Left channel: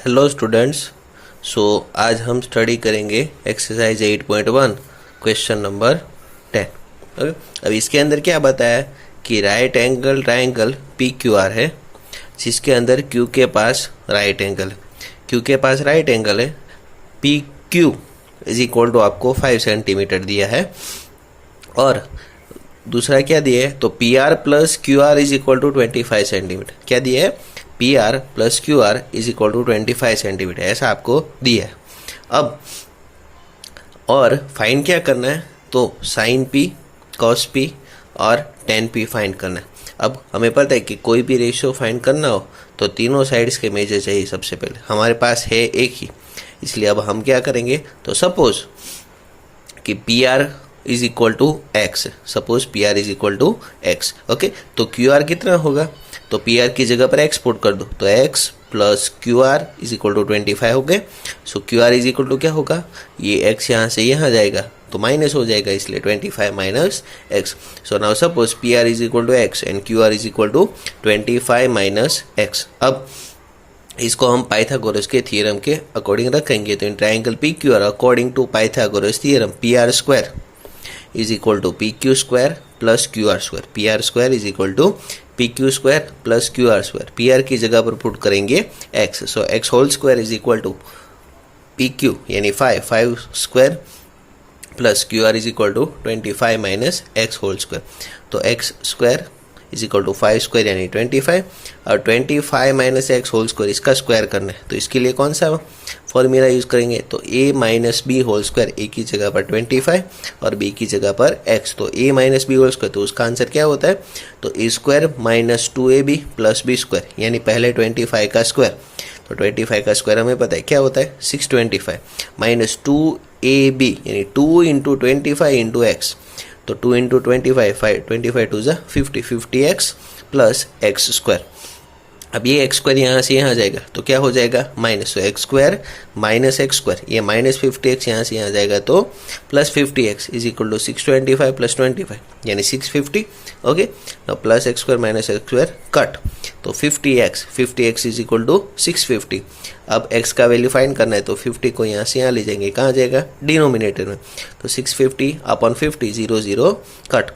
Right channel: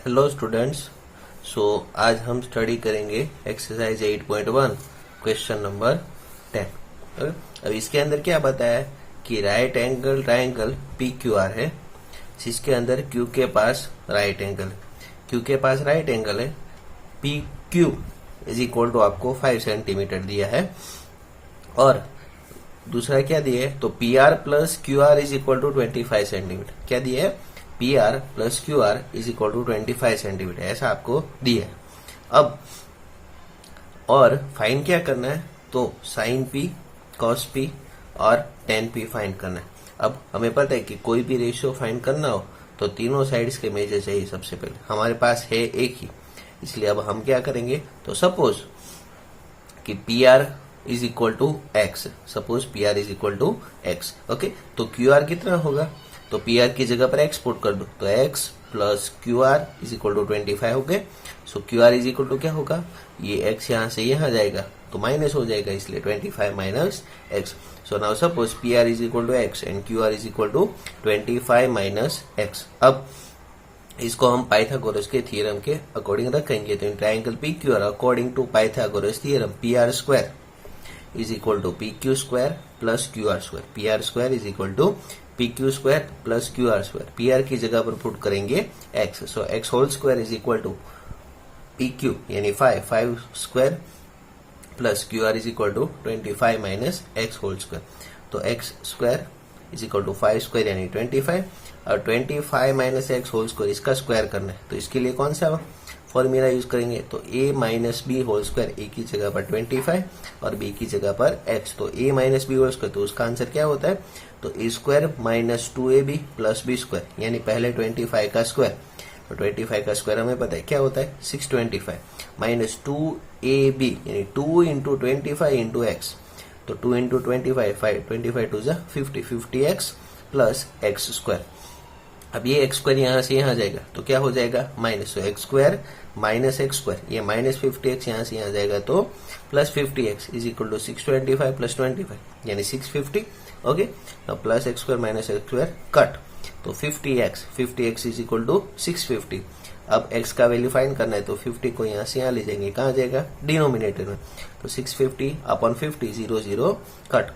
Hello students. आज हम study करेंगे एक्सरसाइज 8.1 क्वेश्चन नंबर 10। ओके, अब इसके अंदर क्या बताया कि right angle triangle P Q R है, जिसके अंदर क्यू के पास राइट एंगल है, क्यू के पास राइट एंगल है, P Q is equal to आपको 5 सेंटीमीटर दिया है। और दूसरा क्या दिया है, तो P R plus Q R is equal to 25 centimetre. क्या दिया है, P R plus Q R is equal to 25 centimetre, ऐसा आपको दिया है। अब और फाइंड क्या करना है, तो साइन पी, कॉस पी और टेन पी फाइंड करना है। अब हमें पता है कि कोई भी रेशियो फाइंड करना हो तो तीनों साइड्स के मेजर चाहिए। सबसे पहले हमारे पास है एक ही, इसलिए अब हम क्या करेंगे, तो सपोज कि P are is equal to x, suppose P are is equal to x. Okay, तो क्यू आर कितना होगा, तो पी आर की जगह पर एक्स पुट कर दो, तो x plus Q R is equal to 25 हो गए। So q are is equal to क्या होगा, ये एक्स यहाँ से यहाँ जाएगा तो माइनस हो जाएगा, इसलिए 25 minus x. So now suppose P are is equal to x and Q are is equal to 25 minus x. अब इसको हम पाइथागोरस के थ्योरम के अकॉर्डिंग रखेंगे, तो in triangle P Q R according to Pythagoras theorem P R square is equal to P Q square plus Q R square. P R square is equal to P Q square plus Q R square. P R की जगह पर put करेंगे x, so x whole square is equal to P Q यानी 5 square plus Q R is equal to 25 minus x whole square. तो x square is equal to 5 square यानी 25, और 25 minus x whole square इसका square करना है, तो इसके लिए कौन सा फॉर्मूला यूज करेंगे, तो a minus b whole square. ए की जगह पर 25 और बी की जगह पर एक्स, तो a minus b whole square, तो उसका आंसर क्या होता है, तो a square minus 2ab plus b square, यानी पहले 25 का स्क्वायर। तो 25 का स्क्वायर हमें पता है क्या होता है, 625 माइनस 2ab यानी 2 इंटू 25 इंटू एक्स, तो 2 इंटू 25 टू ज़ा 50x प्लस एक्स स्क्वायर। अब ये एक्स स्क्वायर यहाँ से यहाँ जाएगा तो क्या हो जाएगा, माइनस, तो x square minus x square, ये माइनस 50x यहाँ से यहाँ जाएगा तो plus 50x is equal to 625 plus 25 यानी 650। ओके, तो plus x square minus x square cut, तो 50x इज इक्वल टू 650। अब x का वैल्यू फाइंड करना है, तो 50 को यहाँ से यहाँ ले जाएंगे, कहाँ जाएगा, डिनोमिनेटर में, तो 650 upon 50 0 0 cut,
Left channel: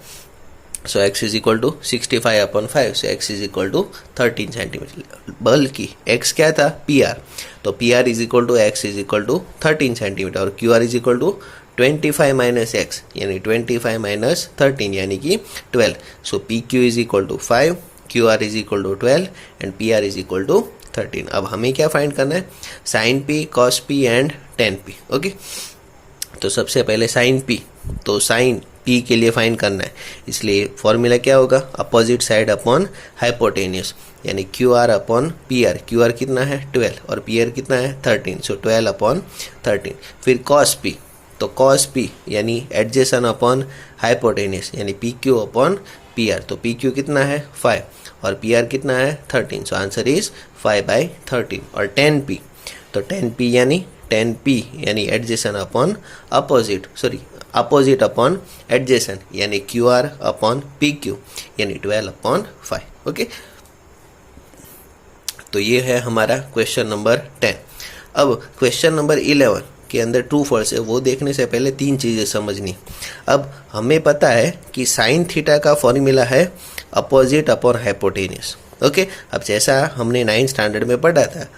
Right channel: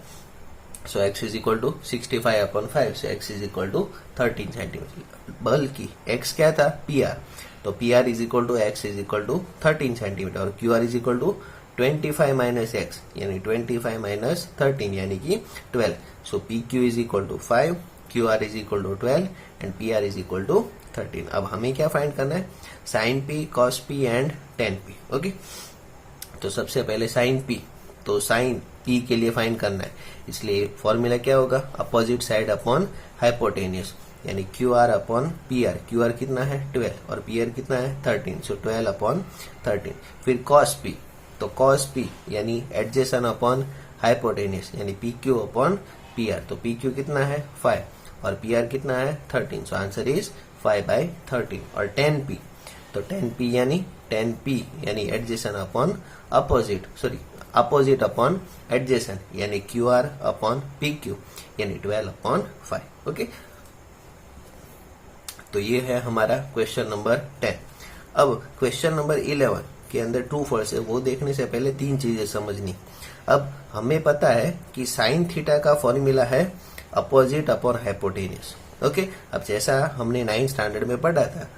so x is equal to 65 upon 5, so x is equal to 13 centimetre. बल्कि x क्या था, पी आर, तो P R is equal to x is equal to 13 centimetre, और q are is equal to 25 minus x यानी 25 minus 13 यानी कि 12। So p Q is equal to 5, q are is equal to 12 and P are is equal to 13। अब हमें क्या find करना है, sine P, cos P and tan P. Okay, तो सबसे पहले साइन पी, तो साइन पी के लिए फाइंड करना है, इसलिए फॉर्मूला क्या होगा, अपोजिट साइड अपॉन हाइपोटेनियस, यानी Q R upon P R. Q R कितना है 12 और पी आर कितना है 13, सो 12 अपॉन 13। फिर कॉस पी, तो कॉस पी यानी एडजेसन अपॉन हाइपोटेनियस यानी P Q upon P r, तो पी क्यू कितना है 5 और पी आर कितना है 13, सो आंसर इज 5/13। और टेन पी, तो टेन पी यानी adjacent upon opposite, opposite upon adjacent यानी Q R upon p Q यानी 12 अपॉन 5। ओके, तो ये है हमारा क्वेश्चन नंबर 10। अब क्वेश्चन नंबर 11 के अंदर ट्रू फॉल्स है, वो देखने से पहले तीन चीज़ें समझनी। अब हमें पता है कि साइन थीटा का फॉर्मूला है अपोजिट अपॉन हाइपोटेनियस। ओके, अब जैसा हमने 9th स्टैंडर्ड में पढ़ा था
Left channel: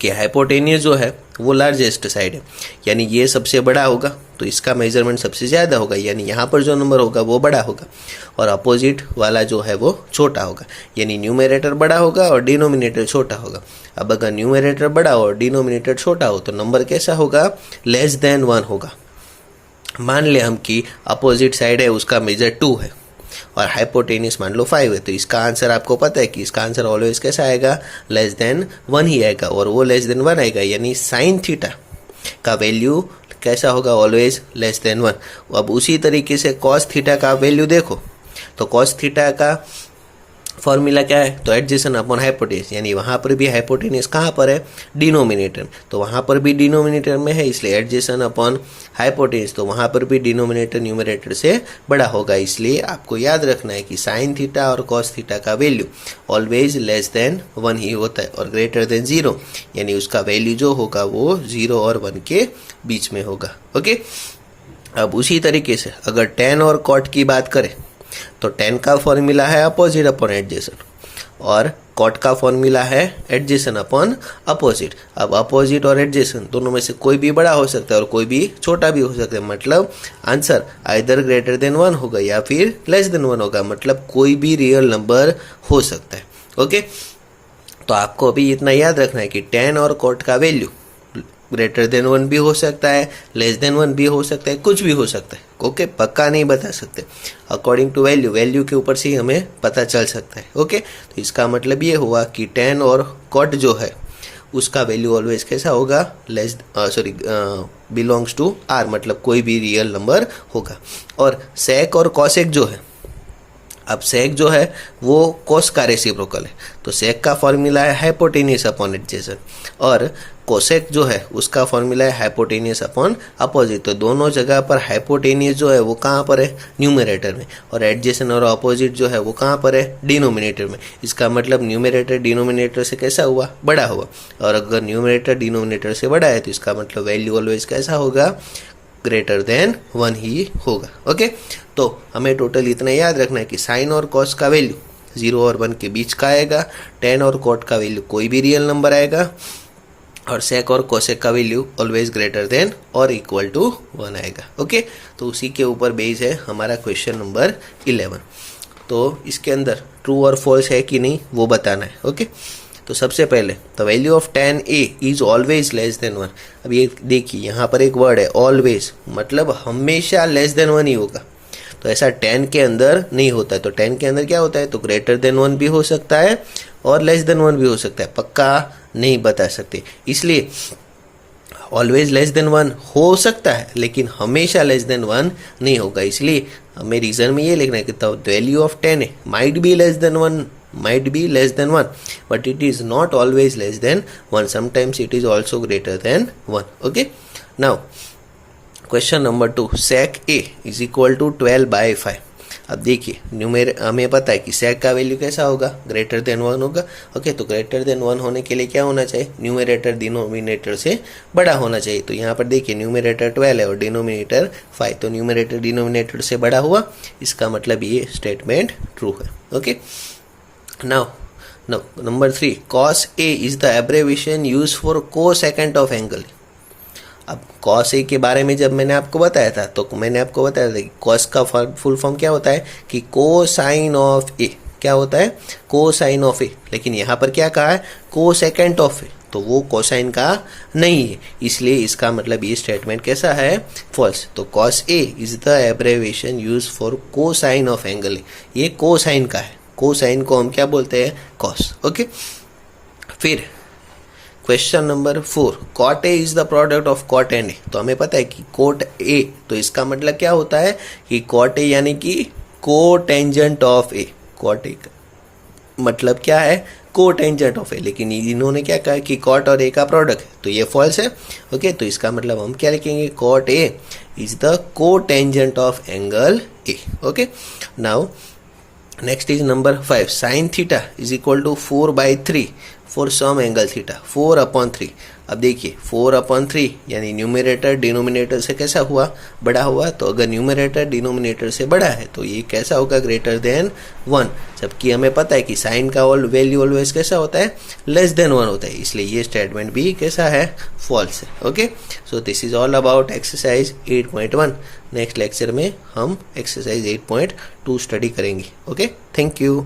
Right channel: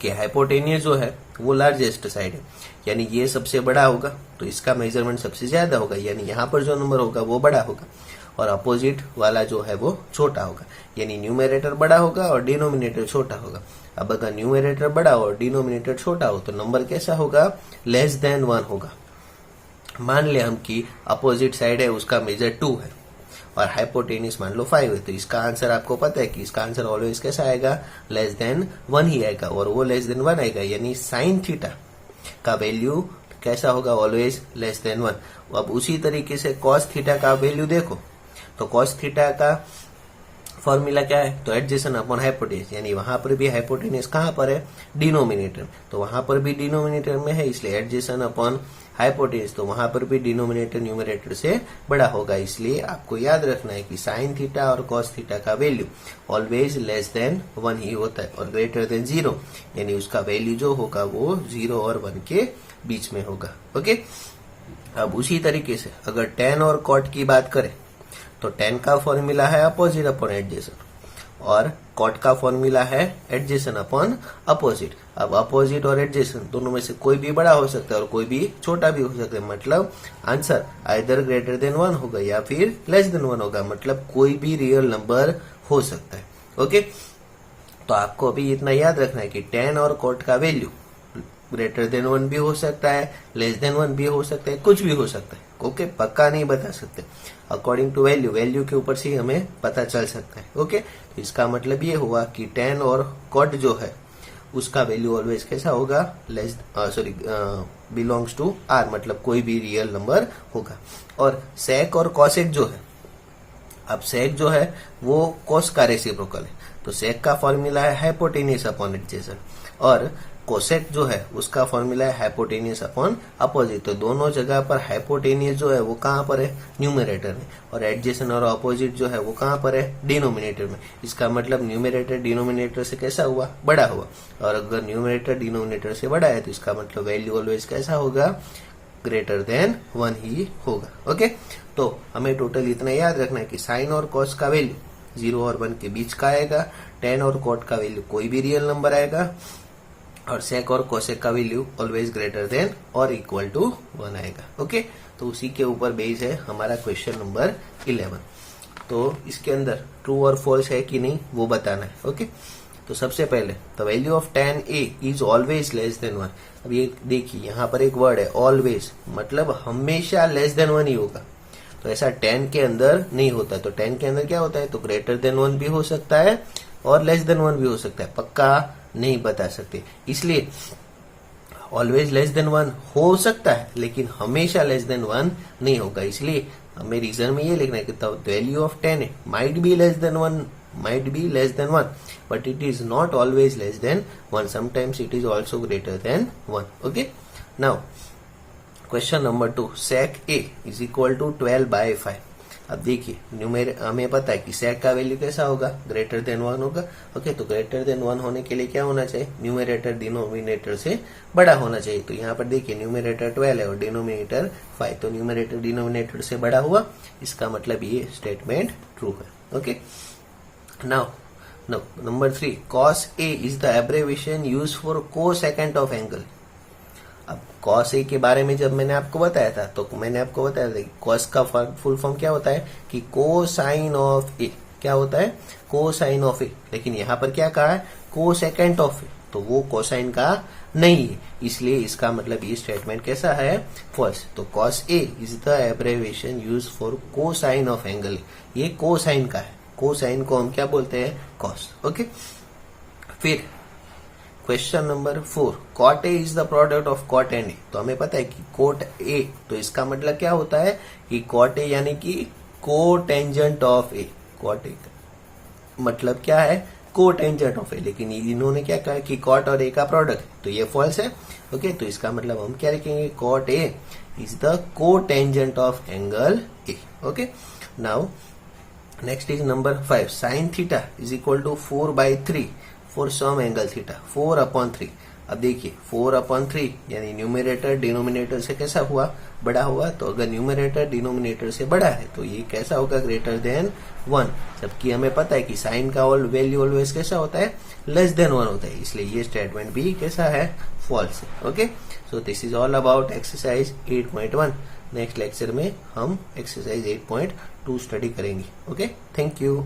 कि हाइपोटेनियस जो है वो लार्जेस्ट साइड है, यानी ये सबसे बड़ा होगा तो इसका मेजरमेंट सबसे ज़्यादा होगा, यानी यहाँ पर जो नंबर होगा वो बड़ा होगा, और अपोजिट वाला जो है वो छोटा होगा, यानी न्यूमरेटर बड़ा होगा और डिनोमिनेटर छोटा होगा। अब अगर न्यूमरेटर बड़ा हो और डिनोमिनेटर छोटा हो तो नंबर कैसा होगा, लेस देन 1 होगा। मान ले हम कि अपोजिट साइड है उसका मेजर 2 है और हाइपोटेनियस मान लो 5 है, तो इसका आंसर आपको पता है कि इसका आंसर ऑलवेज कैसा आएगा, लेस देन 1 ही आएगा, और वो लेस देन 1 आएगा, यानी साइन थीटा का वैल्यू कैसा होगा, ऑलवेज लेस देन 1। अब उसी तरीके से कॉस थीटा का वैल्यू देखो, तो कॉस थीटा का फॉर्मूला क्या है, तो एडजेसेंट अपॉन हाइपोटेन्यूज, यानी वहां पर भी हाइपोटेन्यूज कहाँ पर है, डिनोमिनेटर, तो वहां पर भी डिनोमिनेटर में है, इसलिए एडजेसेंट अपॉन हाइपोटेन्यूज, तो वहां पर भी डिनोमिनेटर न्यूमरेटर से बड़ा होगा। इसलिए आपको याद रखना है कि साइन थीटा और कॉस थीटा का वैल्यू ऑलवेज लेस देन 1 ही होता है और ग्रेटर देन 0, यानी उसका वैल्यू जो होगा वो 0 और 1 के बीच में होगा। ओके, अब उसी तरीके से अगर tan और cot की बात करें तो tan का फॉर्मूला है अपोजिट अपॉन एडजेसेंट और cot का फॉर्मूला है एडजेसेंट अपॉन अपोजिट। अब अपोजिट और एडजेसेंट दोनों में से कोई भी बड़ा हो सकता है और कोई भी छोटा भी हो सकता है, मतलब आंसर आइदर ग्रेटर देन 1 होगा या फिर लेस देन 1 होगा, मतलब कोई भी रियल नंबर हो सकता है। ओके, तो आपको अभी इतना याद रखना है कि tan और cot का वैल्यू ग्रेटर देन 1 भी हो सकता है, लेस देन 1 भी हो सकता है, कुछ भी हो सकता है। ओके, पक्का नहीं बता सकते, अकॉर्डिंग टू वैल्यू के ऊपर से ही हमें पता चल सकता है। ओके, तो इसका मतलब ये हुआ कि tan और cot जो है उसका वैल्यू ऑलवेज कैसा होगा, बिलोंग्स टू R, मतलब कोई भी रियल नंबर होगा। और sec और cosec जो है, अब sec जो है वो cos का रेसिप्रोकल है, तो sec का फॉर्मूला है हाइपोटेन्यूज अपॉन एडजेसेंट और cosec जो है उसका फॉर्मूला है हाइपोटेन्यूज अपॉन अपोजिट। तो दोनों जगह पर हाइपोटेन्यूज जो है वो कहाँ पर है, न्यूमरेटर में, और एडजेसेंट और अपोजिट जो है वो कहाँ पर है, डिनोमिनेटर में। इसका मतलब न्यूमरेटर डिनोमिनेटर से कैसा हुआ, बड़ा हुआ, और अगर न्यूमरेटर डिनोमिनेटर से बड़ा है तो इसका मतलब वैल्यू ऑलवेज कैसा होगा, ग्रेटर देन 1 ही होगा। ओके, तो हमें टोटल इतना याद रखना है कि साइन और कॉस का वैल्यू 0 और 1 के बीच का आएगा, tan और cot का वैल्यू कोई भी रियल नंबर आएगा, और sec और cosec का वैल्यू ऑलवेज ग्रेटर देन और इक्वल टू 1 आएगा। ओके, तो उसी के ऊपर बेस है हमारा क्वेश्चन नंबर 11। तो इसके अंदर ट्रू और फॉल्स है कि नहीं वो बताना है। ओके, तो सबसे पहले the value of tan a is always less than 1। अब ये देखिए यहाँ पर एक वर्ड है ऑलवेज, मतलब हमेशा लेस देन 1 ही होगा, तो ऐसा tan के अंदर नहीं होता है। तो tan के अंदर क्या होता है, तो ग्रेटर देन 1 भी हो सकता है और लेस देन 1 भी हो सकता है, पक्का नहीं बता सकते। इसलिए ऑलवेज लेस देन 1 हो सकता है लेकिन हमेशा लेस देन 1 नहीं होगा। इसलिए हमें रीजन में ये लिखना है कि the value of tan might be less than 1, might be less than 1, but it is not always less than 1. Sometimes it is also greater than 1. Okay, now question number 2, sec a is equal to 12 by 5। अब देखिए हमें पता है कि sec का value कैसा होगा, greater than 1 होगा। ओके, तो ग्रेटर देन 1 होने के लिए क्या होना चाहिए, न्यूमरेटर डिनोमिनेटर से बड़ा होना चाहिए। तो यहाँ पर देखिए न्यूमरेटर 12 है और डिनोमिनेटर 5, तो न्यूमरेटर डिनोमिनेटर से बड़ा हुआ, इसका मतलब ये स्टेटमेंट ट्रू है। Okay, now number 3, cos a is the abbreviation used for cosecant of angle। अब cos a के बारे में जब मैंने आपको बताया था तो मैंने आपको बताया था कि cos का फुल फॉर्म क्या होता है कि कोसाइन ऑफ a, क्या होता है, कोसाइन ऑफ a, लेकिन यहाँ पर क्या कहा है, कोसेकेंट ऑफ a, तो वो कोसाइन का नहीं है, इसलिए इसका मतलब ये स्टेटमेंट कैसा है, फॉल्स। तो cos a is the abbreviation used for cosine of angle, ये कोसाइन का है, कोसाइन को हम क्या बोलते हैं, कॉस। ओके, फिर question number 4, cot a is the product of cot n a। तो हमें पता है कि cot a, तो इसका मतलब क्या होता है कि cot a यानी कि cotangent of a, cot a मतलब क्या है, कोटेंजेंट ऑफ a, लेकिन इन्होंने क्या कहा कि cot और a का प्रोडक्ट है, तो ये फॉल्स है। ओके, तो इसका मतलब हम क्या लिखेंगे, cot a is the cotangent of angle a। Okay, now next is number 5, sine theta is equal to 4/3 for some angle theta, 4/3। अब देखिए 4/3 यानी न्यूमरेटर डिनोमिनेटर से कैसा हुआ, बड़ा हुआ, तो अगर न्यूमरेटर डिनोमिनेटर से बड़ा है तो ये कैसा होगा, ग्रेटर देन 1, जबकि हमें पता है कि साइन का वैल्यू ऑलवेज कैसा होता है, लेस देन 1 होता है, इसलिए ये स्टेटमेंट भी कैसा है, फॉल्स है। Okay, so this is all about exercise 8.1। Next lecture में हम एक्सरसाइज 8.2 स्टडी करेंगे। Okay, thank you.